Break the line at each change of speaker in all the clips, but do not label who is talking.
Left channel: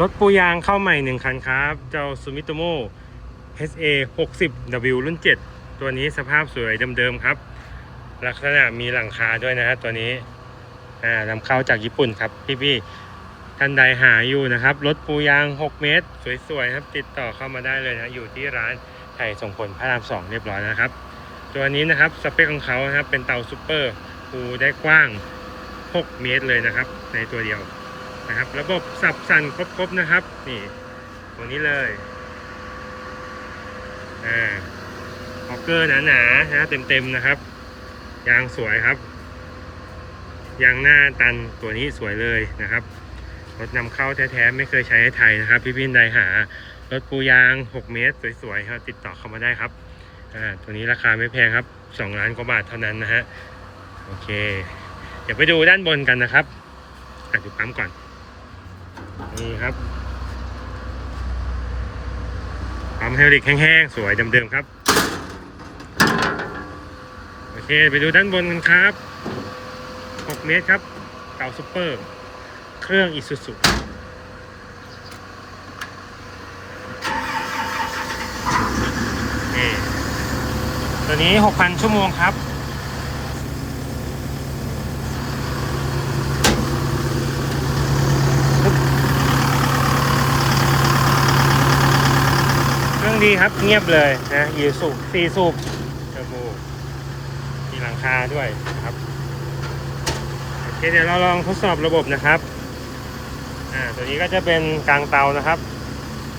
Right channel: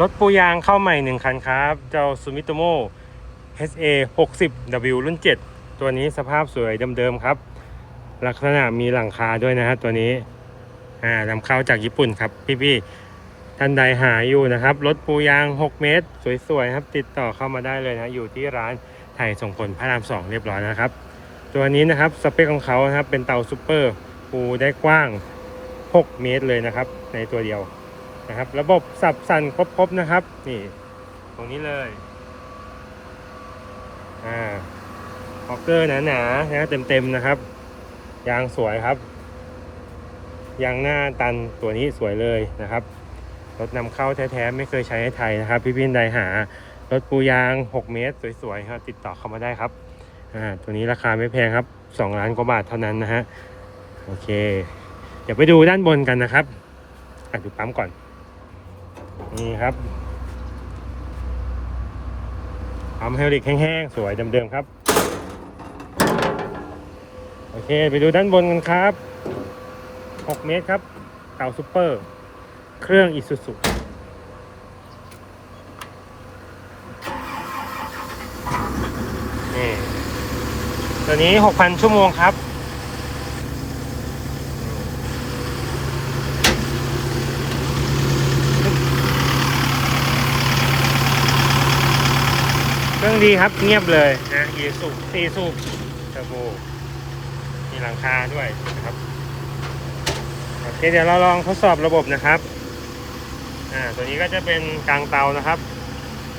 รถปูยางเข้าใหม่หนึ่งคันครับ เจ้า Sumitomo HA 60W รุ่น 7 ตัวนี้สภาพสวยเดิมๆครับ ลักษณะมีหลังคาด้วยนะฮะตัวนี้อ่านำเข้าจากญี่ปุ่นครับ พี่ๆท่านใดหาอยู่นะครับ รถปูยาง 6 เมตร สวยๆครับ ติดต่อเข้ามาได้เลยนะ อยู่ที่ร้านไผ่ส่งผลพระราม 2 เรียบร้อยนะครับ ตัวนี้นะครับสเปคของเขานะครับเป็นเตาซูเปอร์ปูได้กว้าง 6 เมตรเลยนะครับ ในตัวเดียว นะครับ ระบบสับสั่นครบๆนะครับ นี่ ตรงนี้เลย อ่าฮอกเกอร์หนาๆนะเต็มๆนะครับ ยางสวยครับ ยางหน้าตันตัวนี้สวยเลยนะครับ รถนำเข้าแท้ๆไม่เคยใช้ในไทยนะครับ พี่พินใดหา รถปูยาง 6 เมตร สวยๆครับติดต่อเข้ามาได้ครับ อ่า ตัวนี้ราคาไม่แพงครับ 2 ล้านกว่าบาทเท่านั้นนะฮะ โอเค เดี๋ยวไปดูด้านบนกันนะครับอะดูปั๊มก่อน นี่ครับปั๊มไฮดรอลิกแห้งๆ สวยเดิมๆครับ โอเค ไปดูด้านบนกันครับ 6 เมตรครับเต่าซูเปอร์ เครื่องอิซูซุนี่ตัวนี้ 6,000 ชั่วโมงครับ องดีครับเงียบเลยนะยีสูบสี่สูบเทอร์โบมีหลังคาด้วยนะครับโอเคเดี๋ยวเราลองทดสอบระบบนะครับอ่าตัวนี้ก็จะเป็นกลางเตานะครับ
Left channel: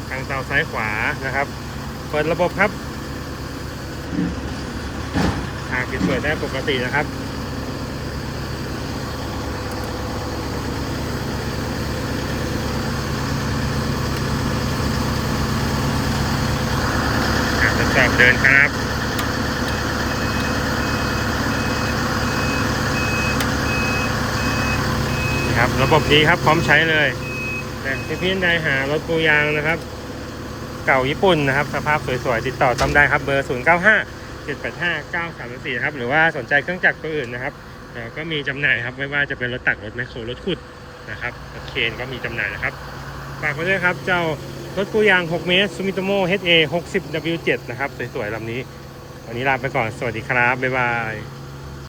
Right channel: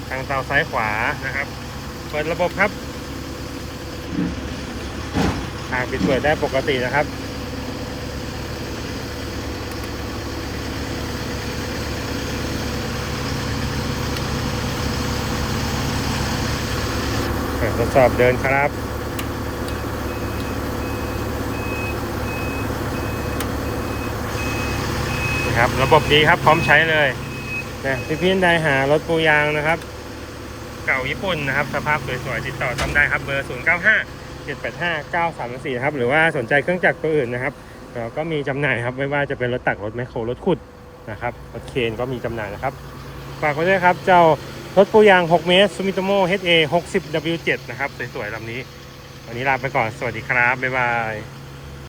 กลางเตาซ้ายขวานะครับเปิดระบบครับทางปิดเปิดได้ปกตินะครับ ทดสอบเดินครับนี่ครับระบบดีครับพร้อมใช้เลยนะพี่พี่ใดหารถปูยางนะครับ เก่าญี่ปุ่นนะครับ สภาพสวยๆติดต่อต้อมได้ครับเบอร์ 0 9 5 7 8 5 9 3 4ครับหรือว่าสนใจเครื่องจักรตัวอื่นนะครับเราก็มีจำหน่ายครับไม่ว่าจะเป็นรถตักรถแมคโครรถขุดนะครับรถเคนก็มีจำหน่ายนะครับฝากไว้ด้วยครับเจ้า รถปูยาง 6 เมตร Sumitomo HA 60W7 นะครับ สวยๆลำนี้ วันนี้ลาไปก่อน สวัสดีครับ บ๊ายบาย